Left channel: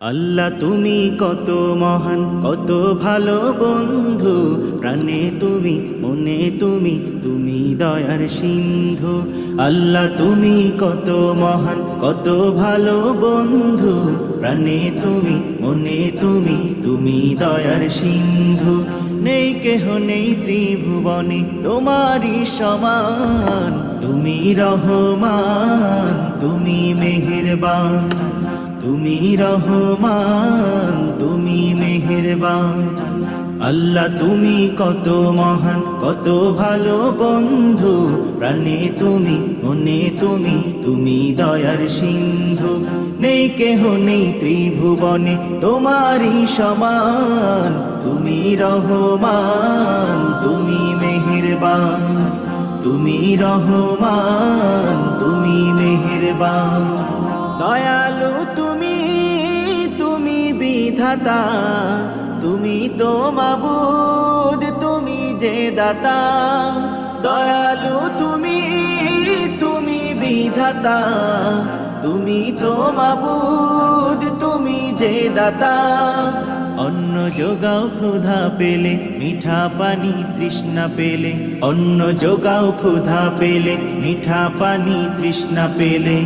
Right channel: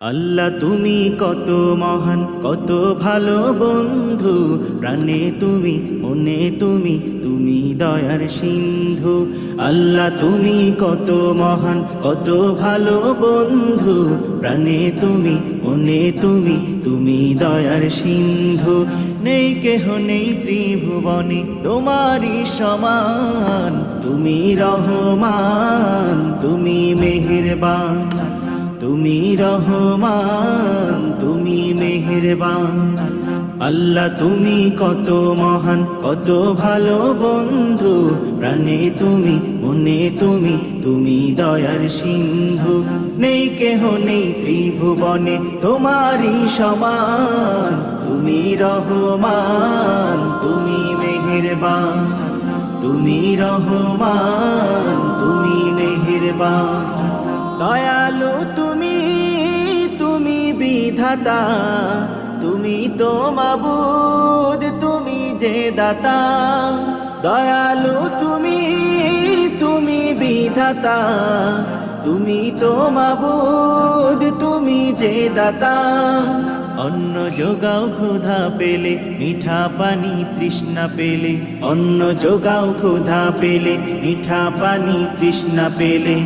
আল্লাহ তুমি কত মহান, কত ভালো বন্ধু, প্রাণে তুমি, মনে তুমি, তুমি দয়ার সিন্ধু। আল্লাহ তুমি কত মহান, কত ভালো বন্ধু, প্রাণে তুমি, মনে তুমি, তুমি দয়ার সিন্ধু। নেই কেহ নেই ত্রিভুবনে তোমারই সমান, তুমি রহমান, তুমি মেহেরবান, তুমি রহমান, তুমি মেহেরবান। আল্লাহ তুমি কত মহান, কত ভালো বন্ধু, প্রাণে তুমি, মনে তুমি, তুমি দয়ার সিন্ধু। নেই কেহ নেই ত্রিভুবনে তোমারই সমান, তুমি রহমান, তুমি মেহেরবান, তুমি রহমান, তুমি মেহেরবান। দয়ালু তুমি, তুমি বিধাতা, তুমি তো মাবুদ, তুমি যে দাতা। দয়ালু তুমি, তুমি বিধাতা, তুমি তো মাবুদ, তুমি যে দাতা। অন্ন যোগাও ক্ষুধা পেলে, মিঠা পানি তৃষ্ণা পেলে, অন্ন যোগাও ক্ষুধা পেলে, মিঠা পানি তৃষ্ণা পেলে।